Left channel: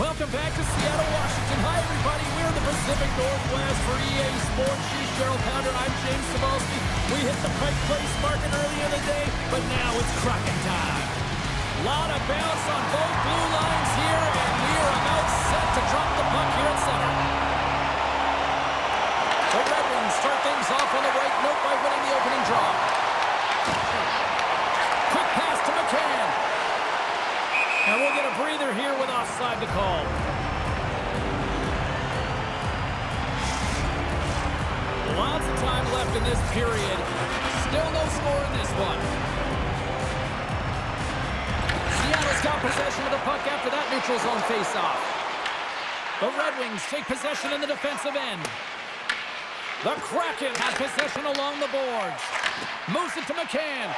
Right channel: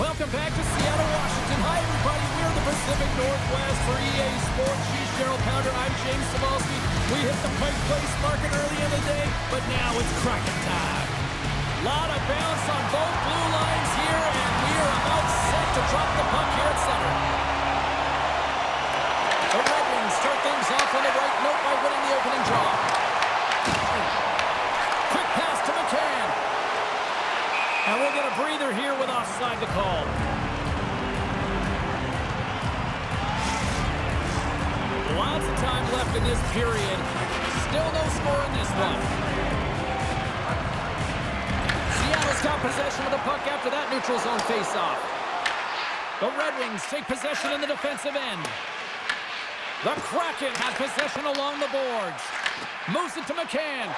Welcome back to Seattle, Washington. Hi, everybody. We're in the Pacific Northwest for EA Sports. She's Cheryl Pounder. I'm James Cebulski. We hit the Pike Place market early in the day, but now it's Kraken time. Lot of bounce on both blue lines here, and we are about set to drop the puck here at center. The Red Wings start things off on the right note by winning the opening draw. Quick pass to McCann. And we'll get a breather here with offside to call. Lots of time left in this period. Still no score in this one. Seattle's got possession of the puck after that neutral zone faceoff. The Red Wings take possession in the defensive end. The Kraken have possession along the boards. Moves it to McCann.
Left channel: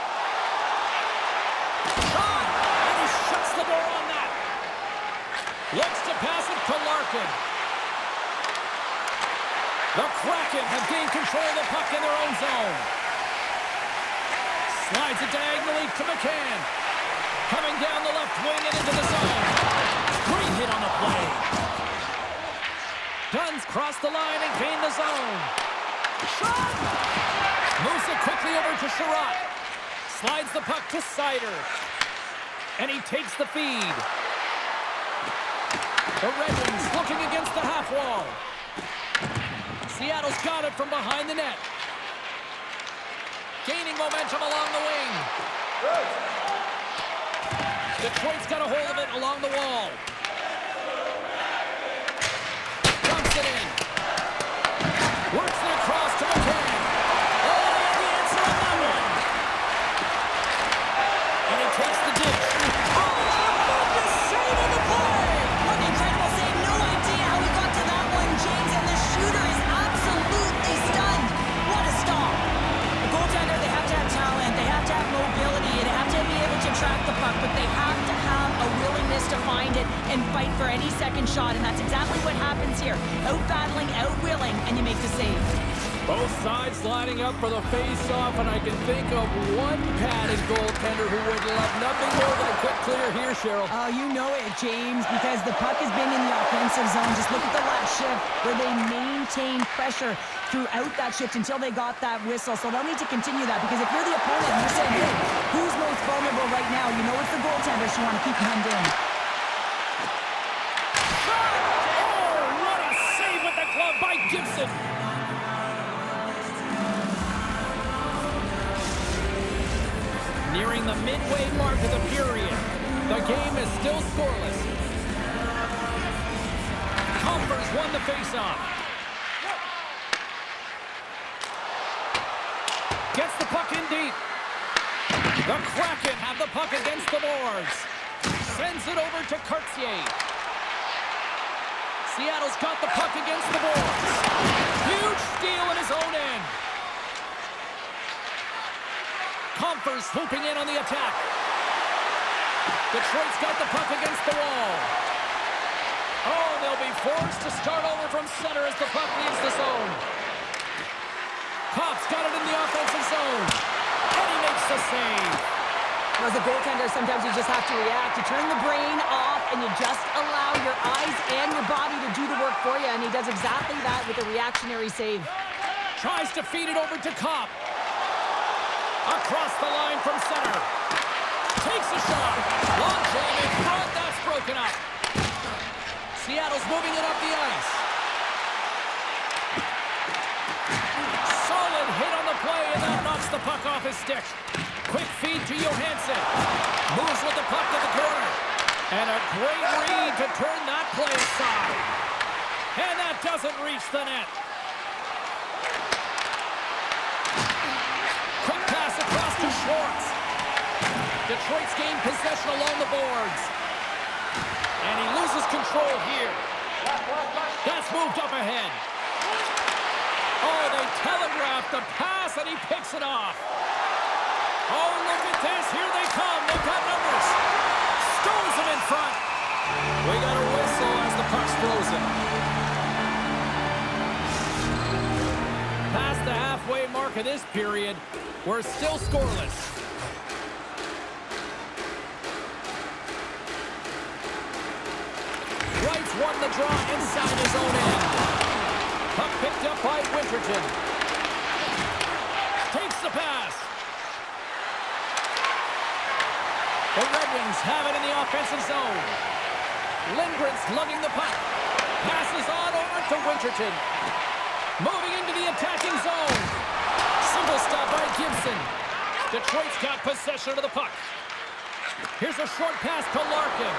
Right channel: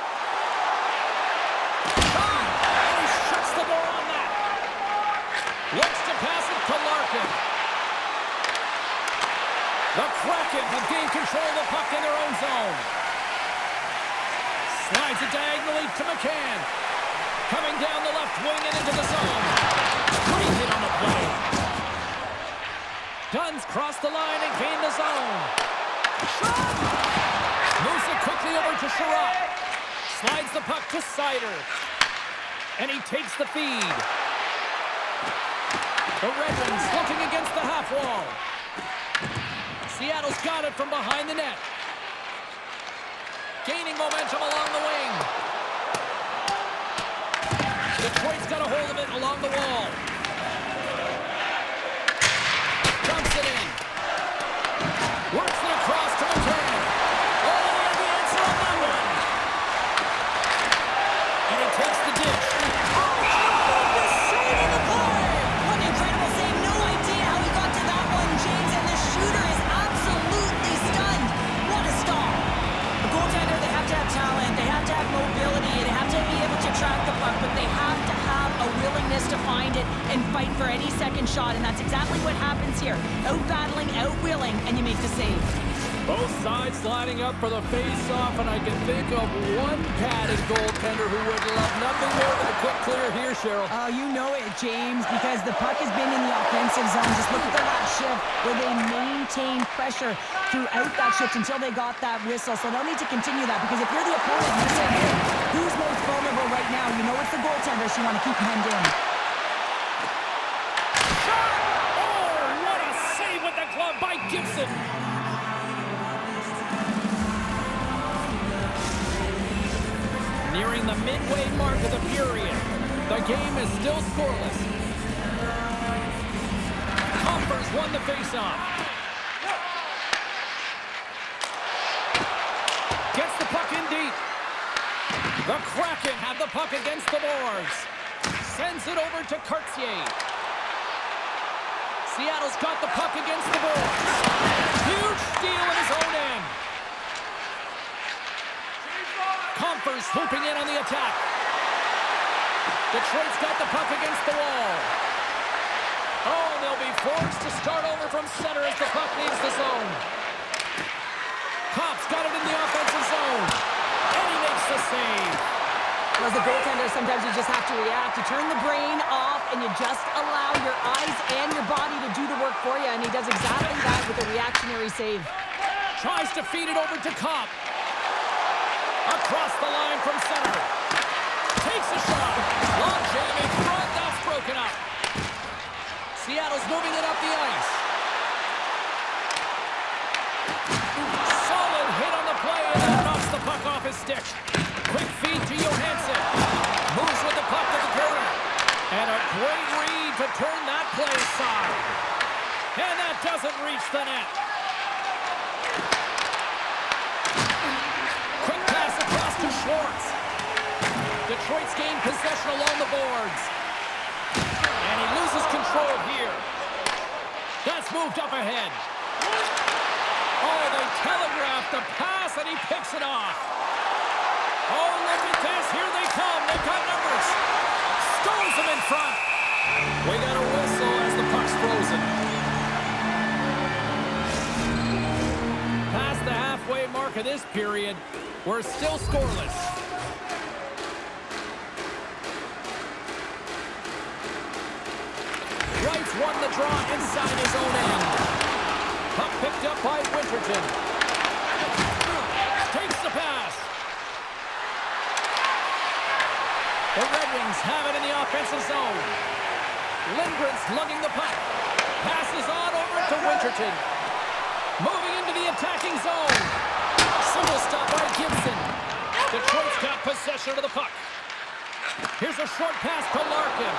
Shot! And he shuts the door on that. Looks to pass it to Larkin. The Kraken have gained control of the puck in their own zone. Slides it diagonally to McCann. Coming down the left wing and into the zone. Great hit on the play. Dunn's crossed the line and gained the zone. Shot! Moves it quickly over to Sherratt. Slides the puck to Sider. And he takes the feed. The Red Wings looking against the half wall. Seattle's got it from behind the net. Gaining momentum along the wing. Detroit's got a hold of it along the wall. Dumps it in. Works it across to McCann. Oh, they have the answer on that one. And he takes the dish. Oh, tremendous save on the play! What an incredible save. No idea how he got to that one, James. And the shooter is absolutely stunned. What a stop. The goaltender, they have to have talent. They have to have mobility. They have to be able to track the puck. But they have to have a willingness to find it and fight for any second shot. And that's exactly what happens here. Out-battling, out-willing, and you make the save. Both sides lining up for the face-off, and I can think of one padded goaltender who would love nothing more than a quick clear here, Cheryl. Oh, you know it, James, because the puck has been in the offensive zone. Just look at the last shift where they maintained pressure throughout that shift until they got that whistle. So they'll need to continue that, because if you're the opponent and you're saying, hey, who's most vulnerable right now? You know it's the goaltender, so you want to keep hemmed in. Shot! Oh, what a save with the glove by Gibson. Nearing the midway mark of the period. The game is still scoreless. Compers won the faceoff. Gets the puck in deep. The Kraken have the puck against the boards. Sends it over to Cartier. Seattle's got the puck against the boards. Huge steal in his own end. Compers swooping in on the attack. Detroit's got the puck against the wall. Oh, they'll be forced to start over from center as the puck leaves the zone. Kopp's got it in the offensive zone. And he makes the save. Well, as a goaltender, sometimes you just have to react. You turn the brain off and you just allow your eyes and your body to do the work for you. And he does exactly that with a reactionary save. Tries to feed it over to Kopp. Across the line from center. Takes a shot. Long jam in front. That's broken up. Seattle's moving it up the ice. Solid hit on the play, and that knocks the puck off his stick. Quick feed to Johansson. Moves with the puck to the corner. And a great read to turn that play aside. And that doesn't reach the net. Quick pass across to Schwartz. Detroit's gained possession along the boards. And he loses control here. That's moved up ahead. Oh, they telegraphed the pass, and he picks it off. Oh, look at this. Here they come. They've got numbers. Stones them in front. We got a whistle as the puck's frozen. Past the halfway mark of this period, we're still scoreless. Wright's won the draw inside his own end. Puck picked up by Winterton. Takes the pass. The Red Wings have it in the offensive zone. Lindgren's lugging the puck. Passes on over to Winterton. Moving into the attacking zone. Single stop by Gibson. Detroit's got possession of the puck. Here's a short pass to Larkin.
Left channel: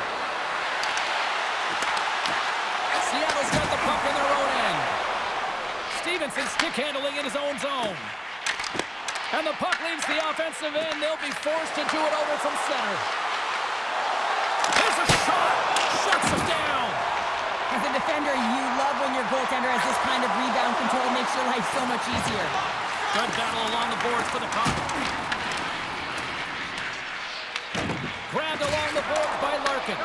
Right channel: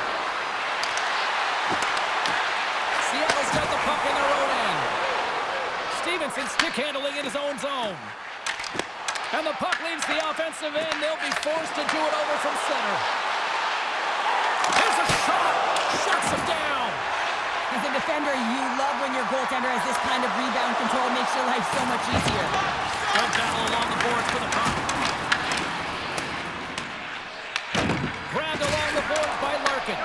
Seattle's got the puck in their own end. Stevenson stick handling in his own zone. And the puck leaves the offensive end. They'll be forced to do it over from center. Here's a shot. Shuts him down. As a defender, you love when your goaltender has this kind of rebound control. Makes your life so much easier. Good battle along the boards for the puck. Grabbed along the boards by Larkin.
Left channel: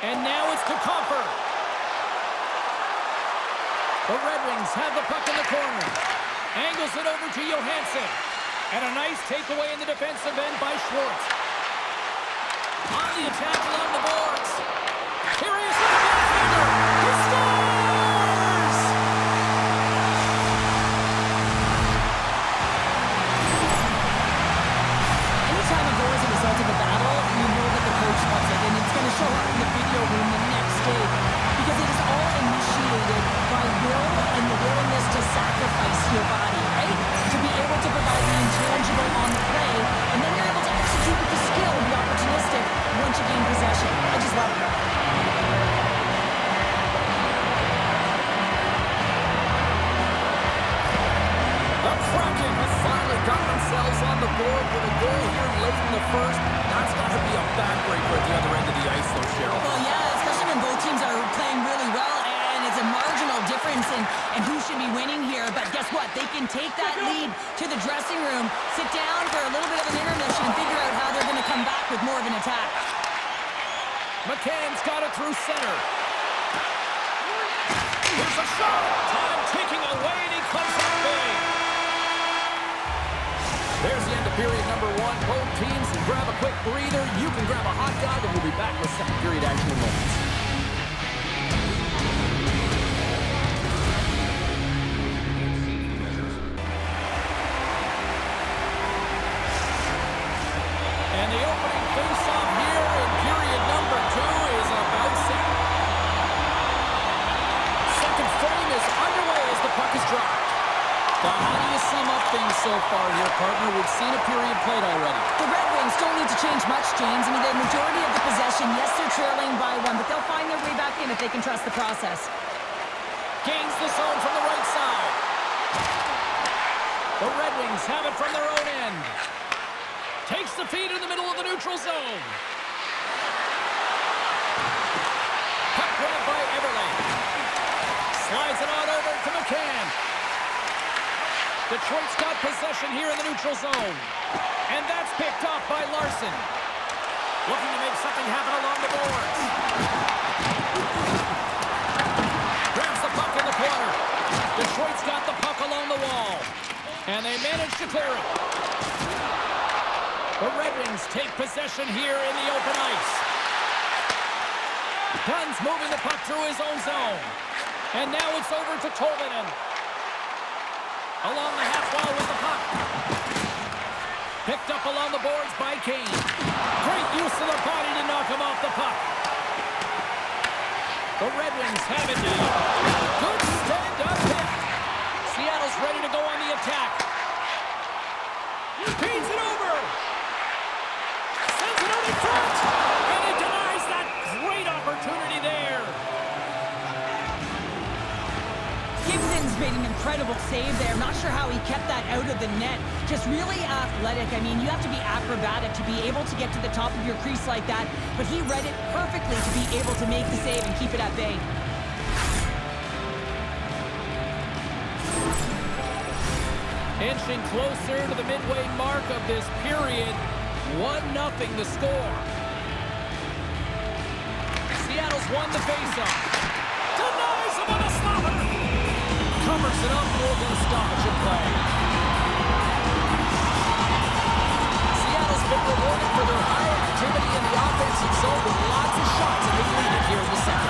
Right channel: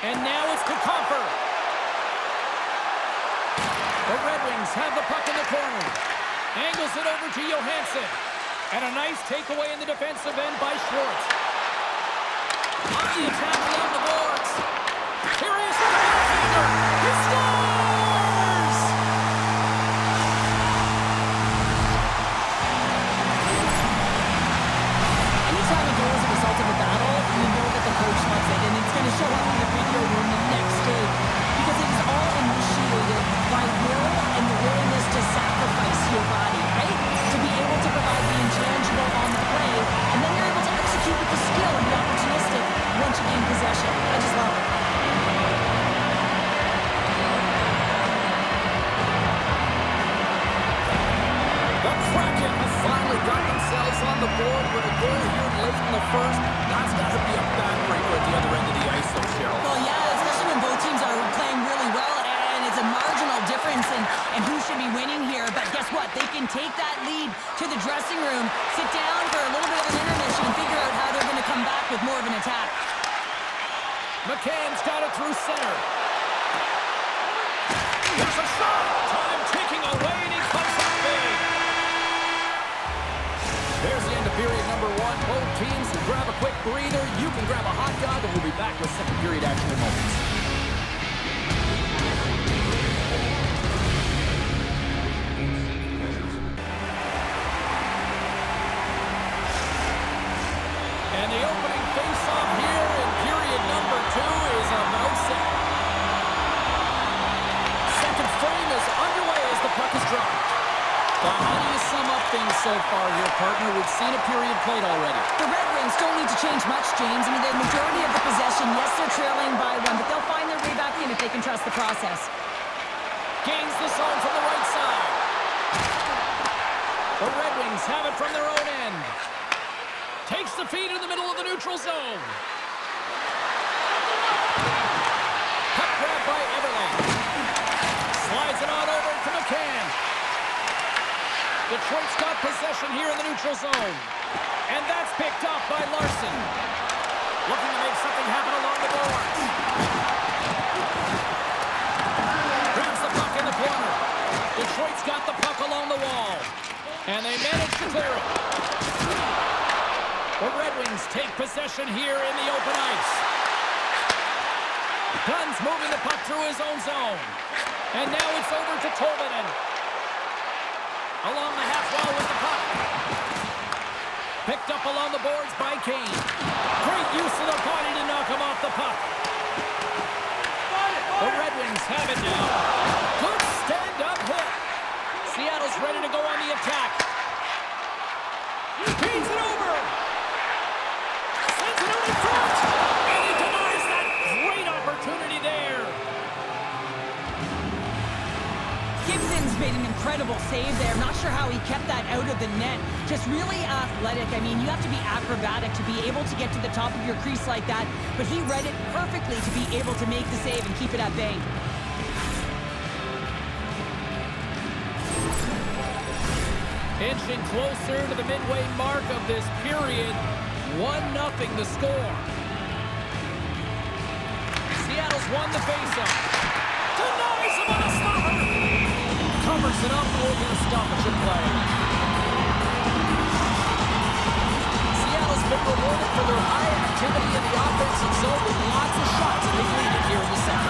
And now it's to Comfer. The Red Wings have the puck in the corner. Angles it over to Johansson. And a nice takeaway in the defensive end by Schwartz. On the attack along the boards. Here he is with the backhander. He scores! Anytime a goal is a result of a battle, you know that the coach loves it, and it's going to show up in the video room the next day because it is all initiated by will and the willingness to sacrifice your body, right? To be able to provide the intangible on the play, and then you're able to execute with the skill and be opportunistic once you gain possession. I just love it. The Kraken have finally got themselves on the board with a goal here late in the first. That's got to be a backbreaker at the other end of the ice, though, Cheryl. Well, yeah, especially when both teams are playing really well, and it's a marginal difference in who should be winning here. But guess what? They can take that lead to the dressing room, sit down for a little bit of an intermission, and figure out how they're going to come back with more of an attack. McCann's got it through center. Here's a shot. Time ticking away, and he comes up big. There's the end of period number one. Both teams can grab a quick breather. You can grab a hot dog, and we'll be back with second period action in moments. And the opening face-off here in period number two is about set. Second frame is underway as the puck is dropped. Well, how do you sum up things so far here, partner? We've seen a period played already. The Red Wings don't need to change much, James. I mean, the majority of the possession, yes, they're trailing by one, but they'll find their way back in if they can trust the process. Gains the zone from the right side. The Red Wings have it from their own end. Takes the feed in the middle of the neutral zone. Puck grab by Everlane. Slides it on over to McCann. Detroit's got possession here in the neutral zone. And that's picked up by Larson. Looking to make something happen along the boards. Grabs the puck in the corner. Detroit's got the puck along the wall. And they manage to clear it. The Red Wings take possession here in the open ice. Dunn's moving the puck through his own zone. And now it's over to Tolvanen. Along the half wall with the puck. Picked up along the boards by Kane. Great use of the body to knock him off the puck. The Red Wings have it now. Good stand-up hit. Seattle's ready to go on the attack. Feeds it over. Sends it out in front. And he denies that great opportunity there. Gibson's made an incredible save there. Not sure how he kept that out of the net. Just really athletic. I mean, you have to be acrobatic to be able to get to the top of your crease like that, but he read it perfectly to be able to make the save and keep it at bay. Inching closer to the midway mark of this period. 1-0 the score. Seattle's won the faceoff. Denies him on a stopper. Covers it up, we'll get a stoppage in play. Seattle's been rewarded for their high activity in the offensive zone with lots of shots, and they lead it here in the second.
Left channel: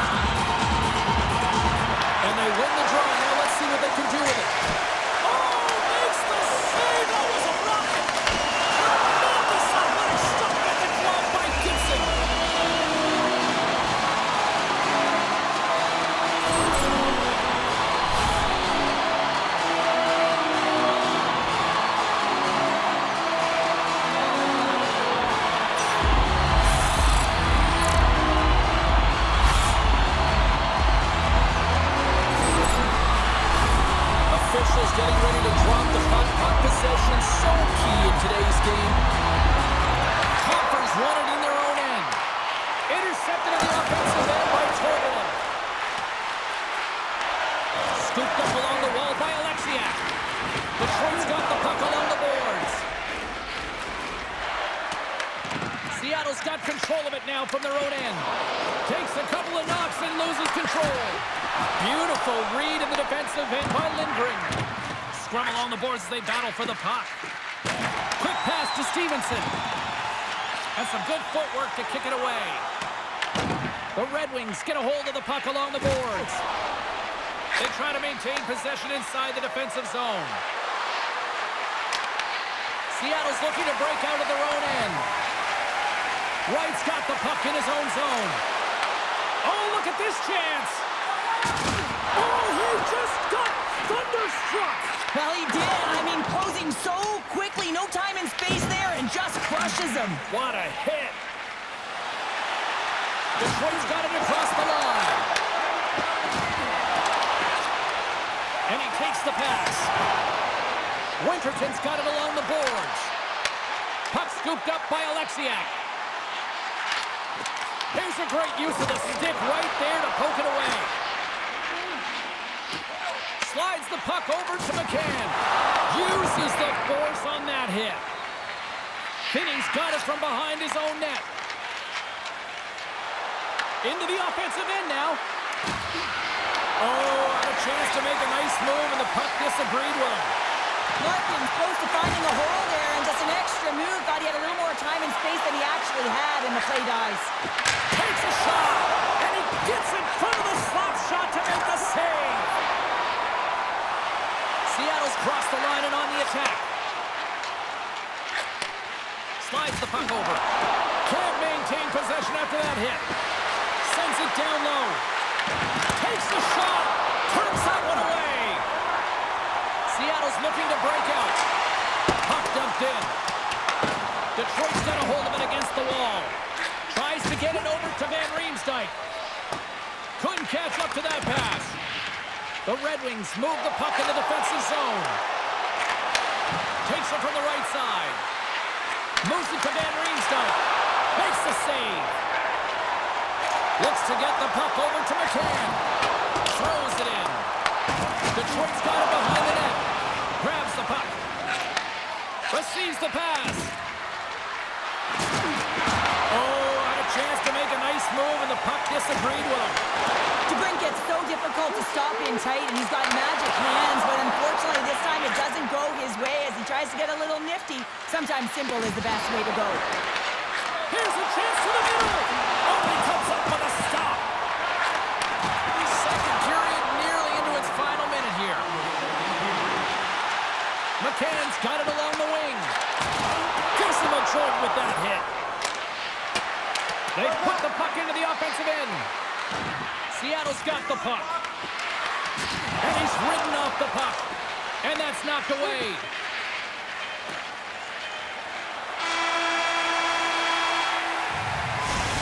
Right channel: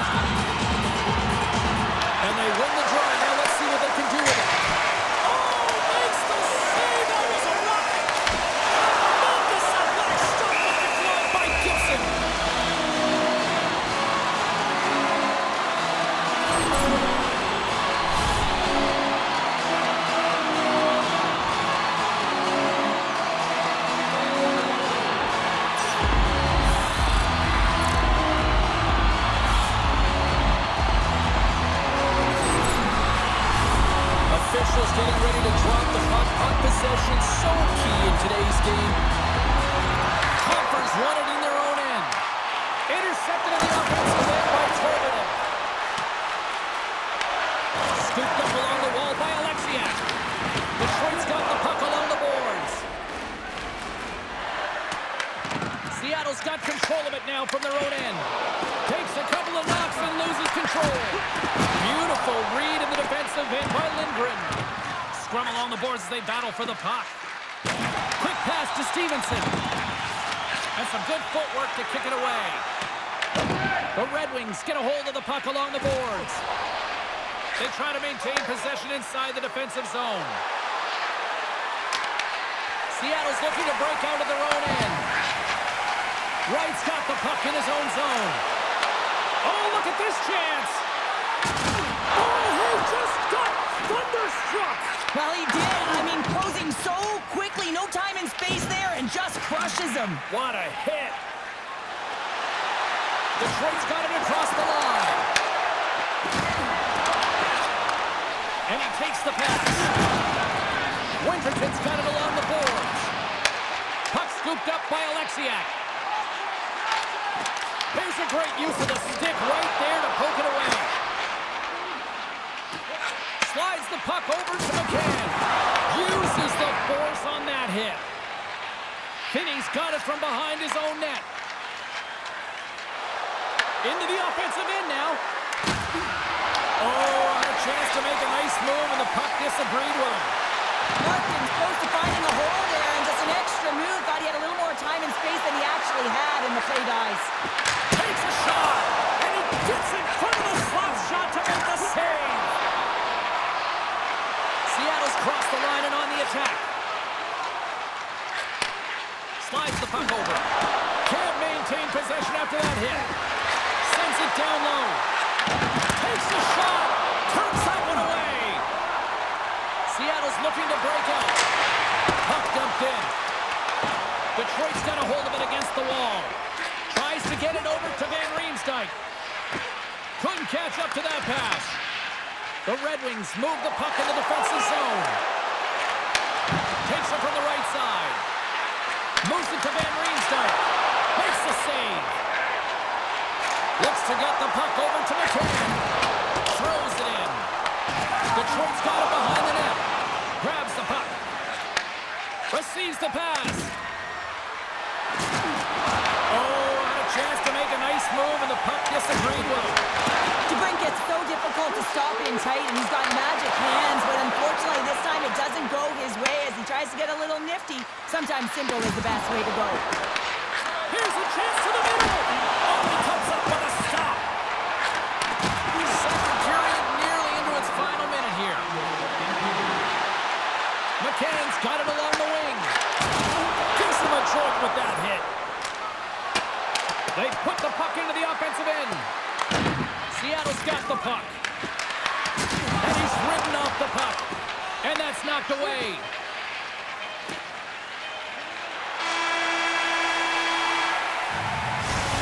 getting ready to drop the puck. Puck possession so key in today's game. Conference won it in their own end. Intercepted in the offensive end by Torvinen. Scooped up along the wall by Alexiak. Detroit's got the puck along the boards. Seattle's got control of it now from their own end. Takes a couple of knocks and loses control. Beautiful read in the defensive end by Lindgren. Scrum along the boards as they battle for the puck. Quick pass to Stevenson. And some good footwork to kick it away. The Red Wings get a hold of the puck along the boards. They try to maintain possession inside the defensive zone. Seattle's looking to break out of their own end. Wright's got the puck in his own zone. Oh, look at this chance. Oh, he just got thunderstruck. Well, he did. I mean, closing so quickly. No time and space there, and just crushes him. What a hit. Detroit's got it across the line. And he takes the pass. Winterton's got it along the boards. Puck scooped up by Alexiak. Here's a great use of the stick right there to poke it away. Slides the puck over to McCann. Uses the force on that hit. Finney's got it from behind his own net. Into the offensive end now. Oh, had a chance to make a nice move, and the puck disagreed with him. Larkin's close to finding a hole there, and just an extra move. Thought he had a little more time and space than he actually had, and the play dies. Takes a shot, and he gets in front of the slap shot to make the save. Seattle's crossed the line and on the attack. Slides the puck over. Can't maintain possession after that hit. Sends it down low. Takes the shot. Turns that one away. Seattle's looking to break out. Puck dumped in. Detroit's got a hold of it against the wall. Tries to get it over to Van Riemsdyk. Couldn't catch up to that pass. The Red Wings move the puck in the defensive zone. Takes it from the right side. Moves it to Van Riemsdyk. Makes the save. Looks to get the puck over to McCann. Throws it in. Detroit's got it behind the net. Grabs the puck. Receives the pass. Oh, had a chance to make a nice move, and the puck disagreed with him. DeBrincat's so difficult to stop in tight, and he's got magic hands, but unfortunately this time it doesn't go his way as he tries to get a little nifty. Sometimes simple is the best way to go. Here's a chance to the middle. Oh, he comes up with a stop. Second period nearly into its final minute here. McCann's got it along the wing. Gives him a jolt with that hit. They put the puck into the offensive end. Seattle's got the puck. And he's ridden off the puck. And that's knocked away.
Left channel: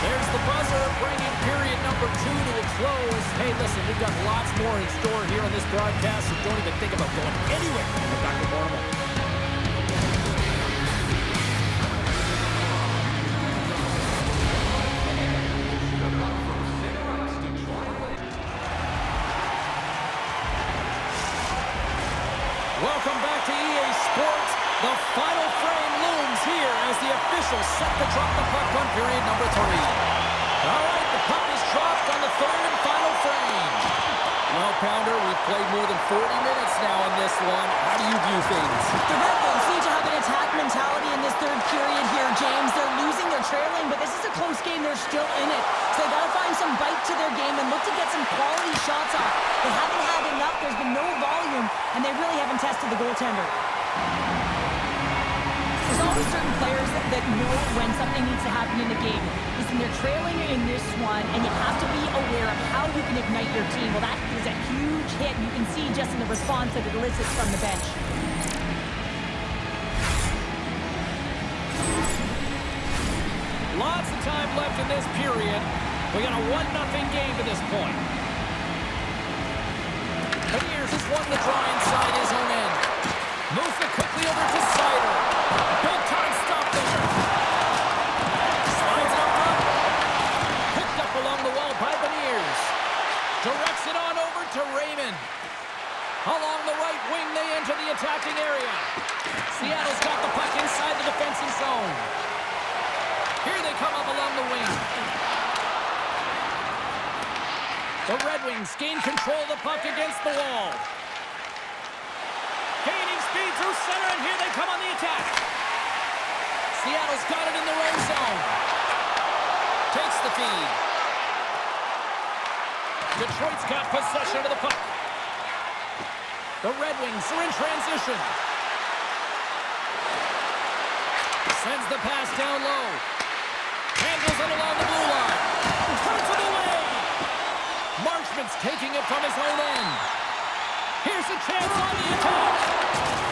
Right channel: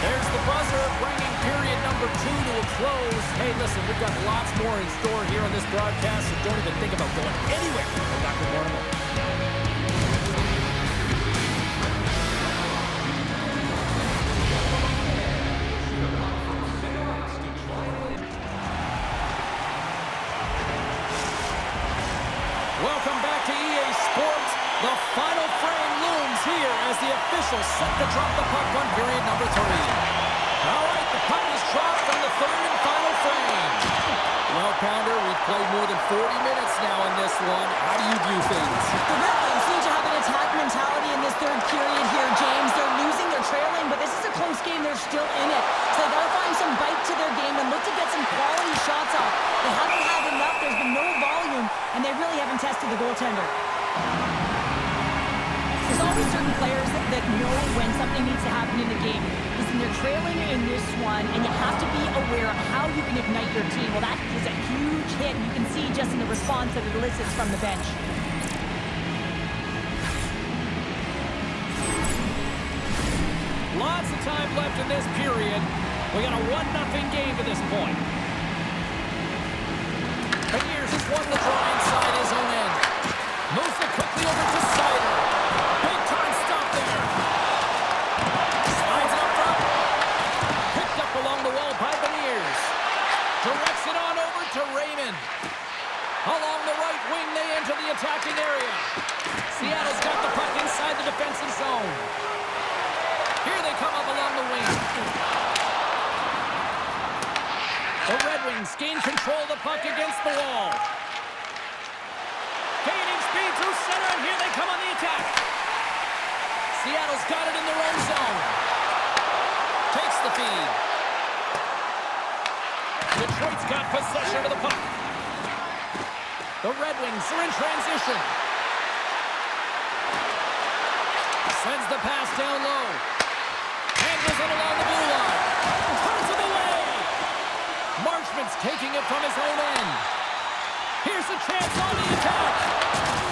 There's the buzzer, bringing period number 2 to a close. Hey, listen, we've got lots more in store here on this broadcast, so don't even think about going anywhere. We're back with more in a moment. Welcome back to EA Sports. The final frame looms here as the officials set to drop the puck on period number 3. All right, the puck is dropped on the third and final frame. Well, Pounder, we've played more than 40 minutes now in this one. How do you view things? The Red Wings need to have an attack mentality in this third period here, James. They're losing, they're trailing, but this is a close game. They're still in it. So they got to find some bite to their game and look to get some quality shots off. They haven't had enough. There's been no volume, and they really haven't tested the goaltender. There's always certain players that know when something needs to happen in the game. Listen, they're trailing in this one, and you have to be aware of how you can ignite your team. Well, that is a huge hit, and you can see just in the response that it elicits from the bench. Lots of time left in this period. We got a 1-0 game to this point. Beniers has won the draw inside his own end. Moves it quickly over to Sider. Big time stop there. Slides it up front. Picked up along the wall by Beniers. Directs it on over to Raymond. Along the right wing, they enter the attacking area. Seattle's got the puck inside the defensive zone. Here they come up along the wing. The Red Wings gain control of the puck against the wall. Gaining speed through center, and here they come on the attack. Seattle's got it in their own zone. Takes the feed. Detroit's got possession of the puck. The Red Wings are in transition. Sends the pass down low. Handles it along the blue line. Turns it away. Marchment's taking it from his own end. Here's a chance on the attack.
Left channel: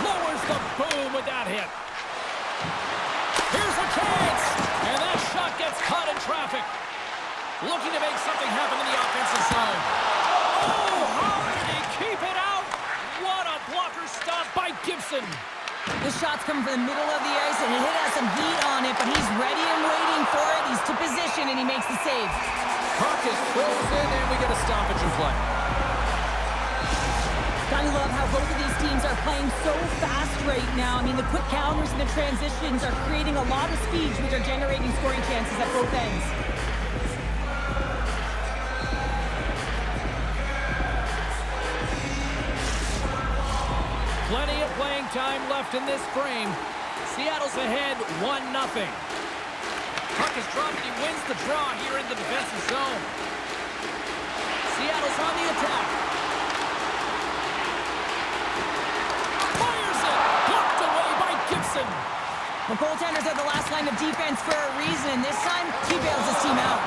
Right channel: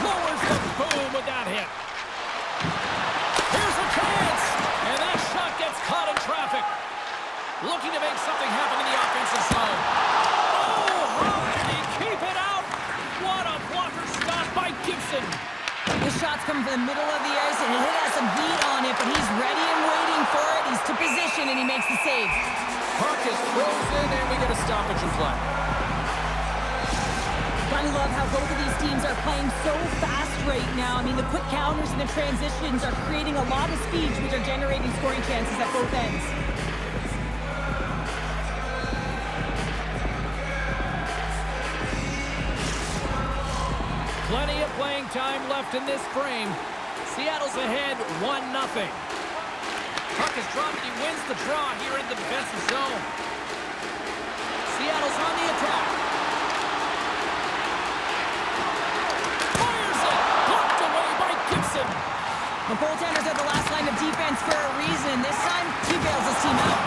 Lowers the boom with that hit. Here's a chance. And that shot gets caught in traffic. Looking to make something happen in the offensive zone. Oh, how did he keep it out? What a blocker stop by Gibson. The shot's coming from the middle of the ice, and it has some heat on it, but he's ready and waiting for it. He's to position, and he makes the save. Puck is frozen, and we get a stoppage in play. Gotta love how both of these teams are playing so fast right now. I mean, the quick counters and the transitions are creating a lot of speeds, which are generating scoring chances at both ends. Plenty of playing time left in this frame. Seattle's ahead 1-0. Puck is dropped. He wins the draw here in the defensive zone. Seattle's on the attack. Fires it. Blocked away by Gibson. The goaltenders are the last line of defense for a reason. This time, he bails his team out.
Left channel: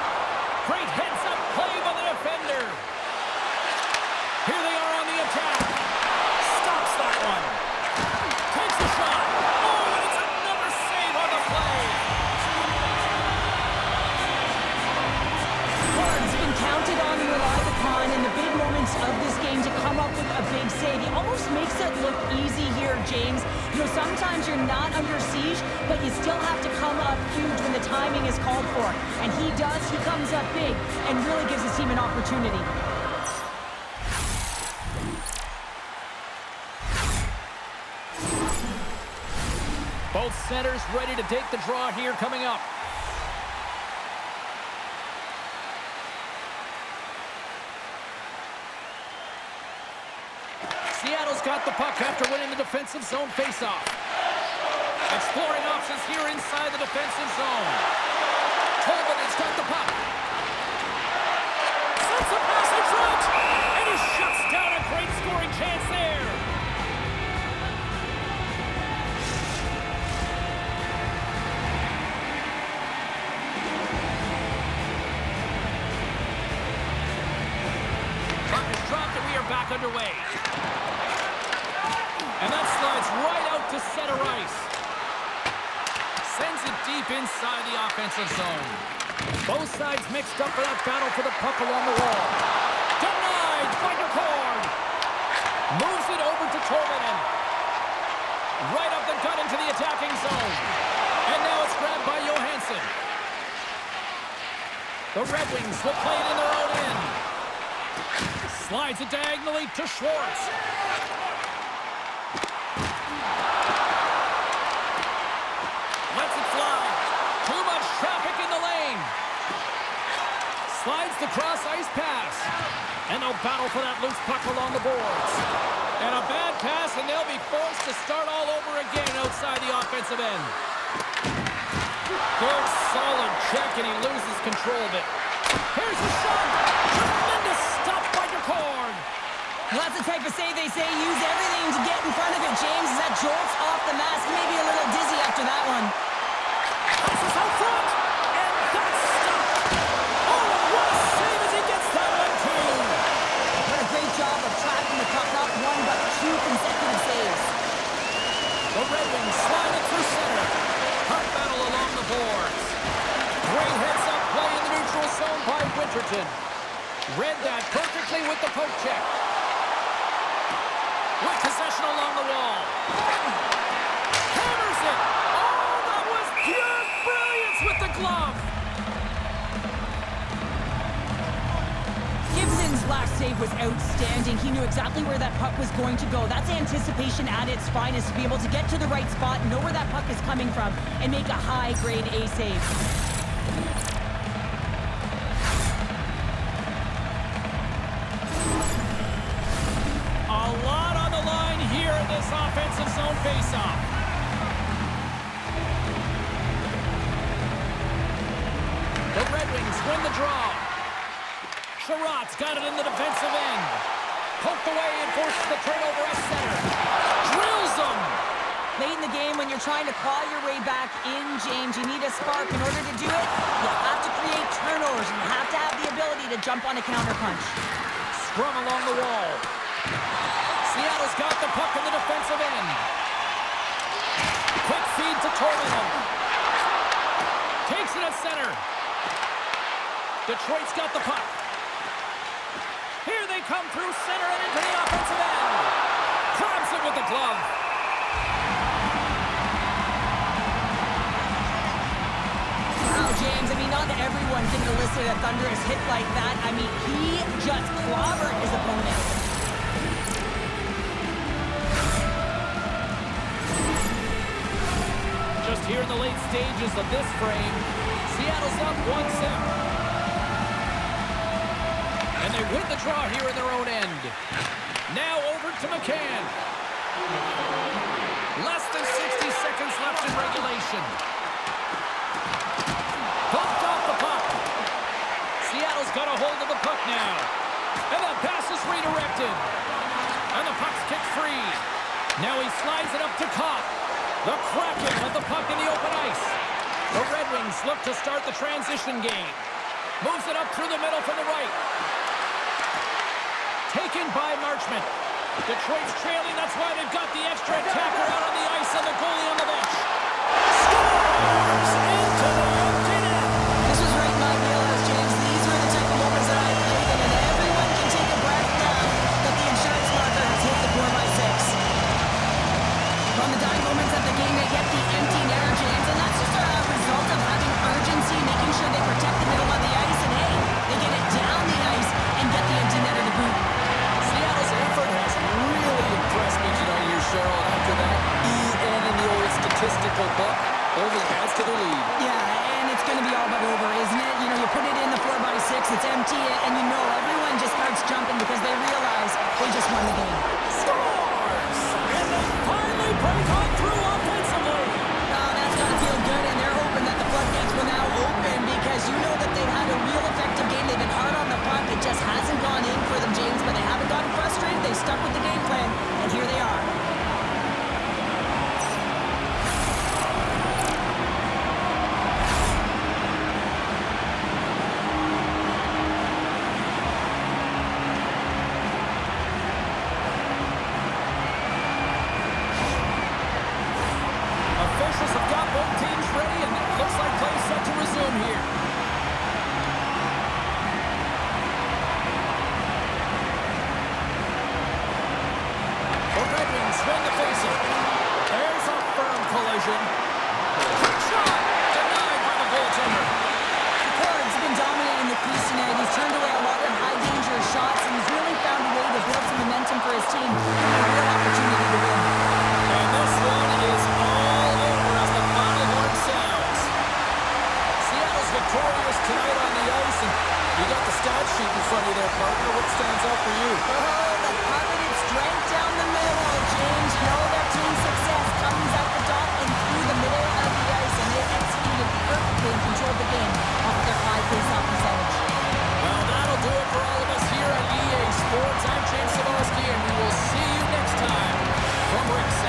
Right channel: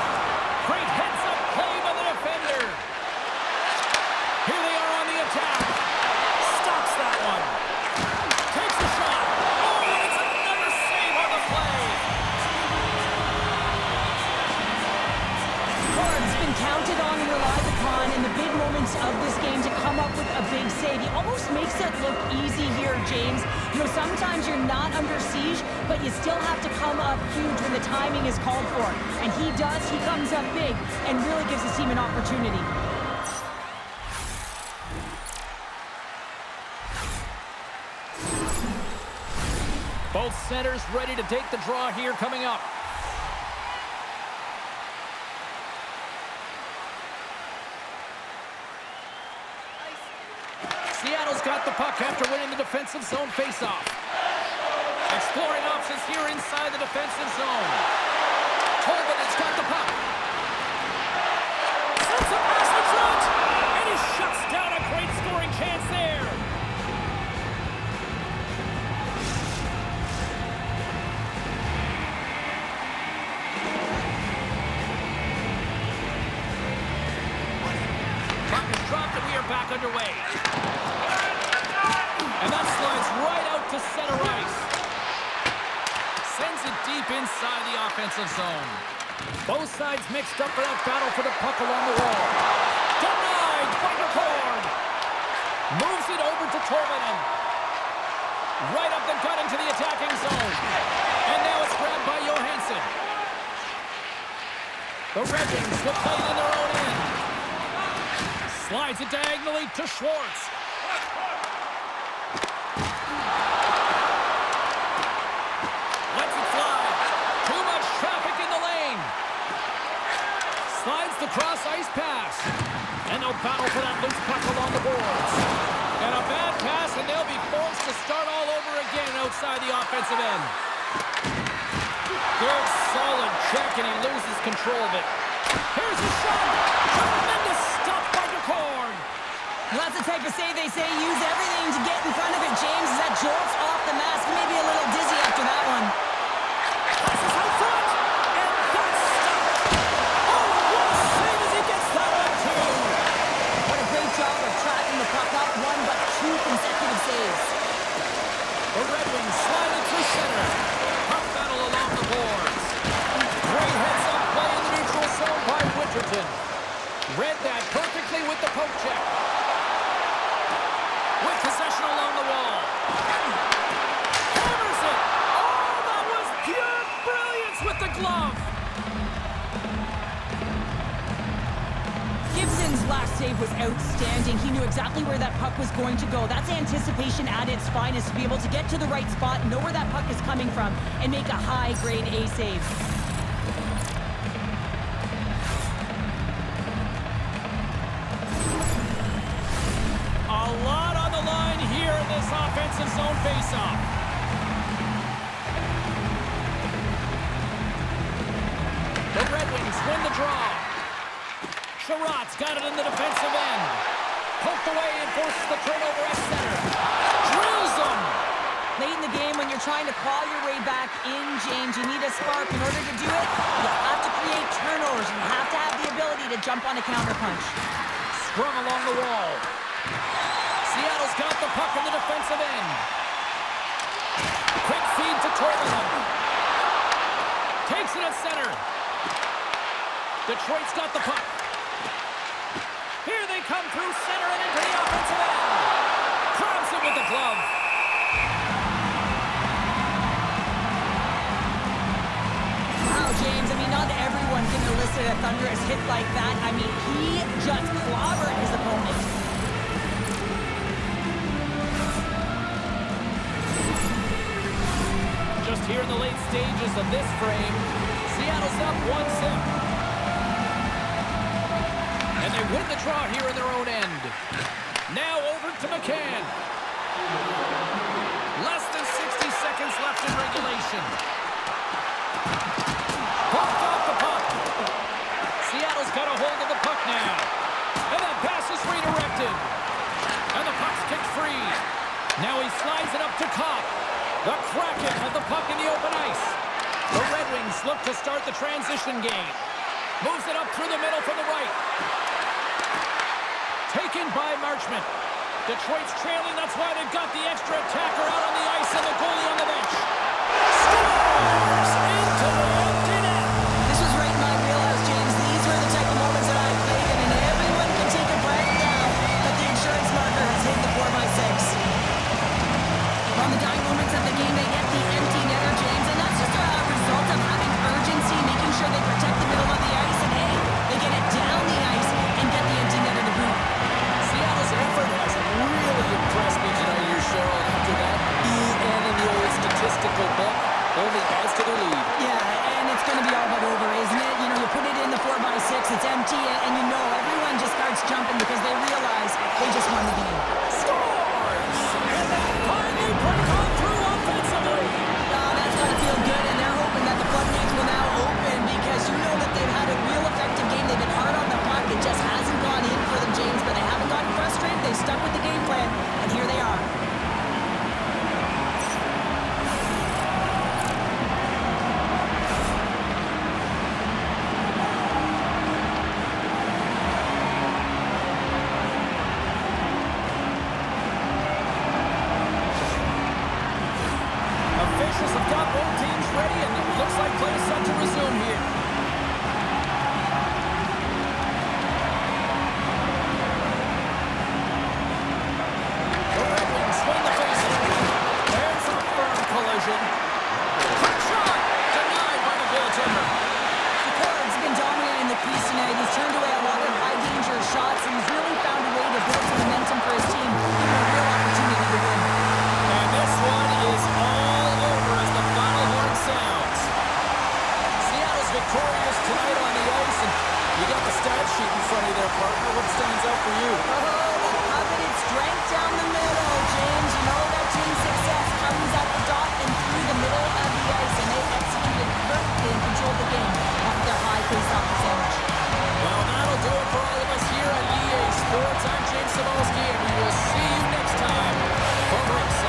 Great heads-up play by the defender. Here they are on the attack. Stops that one. Takes the shot. Oh, and it's another save on the play. He's been counted on and relied upon in the big moments of this game to come up with a big save. He almost makes it look easy here, James. You know, sometimes you're not under siege, but you still have to come up huge when the timing is called for. And he does. He comes up big and really gives his team an opportunity. Both centers ready to take the draw here coming up. Seattle's got the puck after winning the defensive zone faceoff. Exploring options here inside the defensive zone. Tolman has got the puck. Sends a pass in front, and he shuts down a great scoring chance there. Back underway. And that slides right out to center ice. Sends it deep inside the offensive zone. Both sides mixed up for that battle for the puck along the wall. Denied by LeCrow. Moves it over to Tolvanen. Right up the gut into the attacking zone. And now it's grabbed by Johansson. The Red Wings will play it in their own end. Slides it diagonally to Schwartz. Lets it fly. Too much traffic in the lane. Slides the cross-ice pass. And they'll battle for that loose puck along the boards. And a bad pass, and they'll be forced to start all over again outside the offensive end. Good, solid check, and he loses control of it. Here's the shot. Tremendous stop by LeCrow. Well, that's the type of save they say use everything to get in front of it, James. As that jolts off the mask, maybe a little dizzy after that one. Passes out front, and that's stopped. Oh, and what a save as he gets that one, too. What a great job of tracking the puck up, one but two consecutive saves. The Red Wings slide it through center. Puck battle along the boards. Great heads-up play in the neutral zone by Winterton. Read that perfectly with the poke check. with possession along the wall. Hammers it. Oh, that was pure brilliance with the glove. Gibson's last save was outstanding. He knew exactly where that puck was going to go. That's anticipation at its finest, to be able to get to the right spot, know where that puck is coming from, and make a high-grade A save. A lot on the line here in this offensive zone faceoff. The Red Wings win the draw. Sherratt's got it in the defensive end. Poked away and forces the turnover at center. Drills them. Late in the game, when you're trying to claw your way back in, James, you need a spark. In order to do it, you have to create turnovers. You have to have the ability to jump on a counterpunch. Sprung along the wall. Seattle's got the puck in the defensive end. Quick feed to Torlin. Takes it at center. Detroit's got the puck. Here they come through center and into the offensive end. Grabs it with the glove. Wow, James, I mean, not everyone can elicit a thunderous hit like that. I mean, he just clobbered his opponent. Just here in the late stages of this frame, Seattle's up 1-0. And they win the draw here in their own end. Now over to McCann. Less than 60 seconds left in regulation. Bumped off the puck. Seattle's got a hold of the puck now. And that pass is redirected. And the puck's kicked free. Now he slides it up to Kopp. The Kraken have the puck in the open ice. The Red Wings look to start the transition game. Moves it up through the middle from the right. Taken by Marchment. Detroit's trailing, that's why they've got the extra attacker out on the ice and the goalie on the bench. Scores! Into the empty net! This was right in my wheelhouse, James. These were the type of moments that I played in, and everyone can take a breath now that the insurance marker has hit the 4x6. On the dying moments of the game, they get the empty netter, James, and that's just a result of having urgency, making sure they protect the middle of the ice, and hey, they get it down the ice and get the empty netter to boot. Seattle's effort has really impressed me tonight here, Cheryl, and after that, EN in the old statistical book only adds to their lead. Yeah, and it's going to be all but over, isn't it? You know, you put it in the 4x6, it's empty, and you know everyone just starts jumping because they realize they just won the game. Scores! And they finally break on through offensively. Oh, that's got to feel good, and they're hoping that the floodgates will now open because you know that they've had a real effective game. They've been hard on the puck. It just hasn't gone in for them, James, but they haven't gotten frustrated. They've stuck with the game plan, and here they are. Officials have got both teams ready, and it looks like play is set to resume here. The Red Wings win the faceoff. There's a firm collision. Quick shot! Denied by the goaltender. McCord's been dominating the crease tonight. He's turned away a lot of high-danger shots, and he's really found a way to build some momentum for his team, giving a real opportunity to win. And this one is all over as the final horn sounds. Seattle's victorious tonight on the ice, and you got the stat sheet in front of you there, partner. What stands out for you? Oh, the coveted strength down the middle, James. You know that team success comes at the dot and through the middle of the ice, and they executed perfectly and controlled the game off their high face-off percentage. Well, that'll do it for all of us here at EA Sports. I'm James Cebulski, and we will see you next time from Ringside.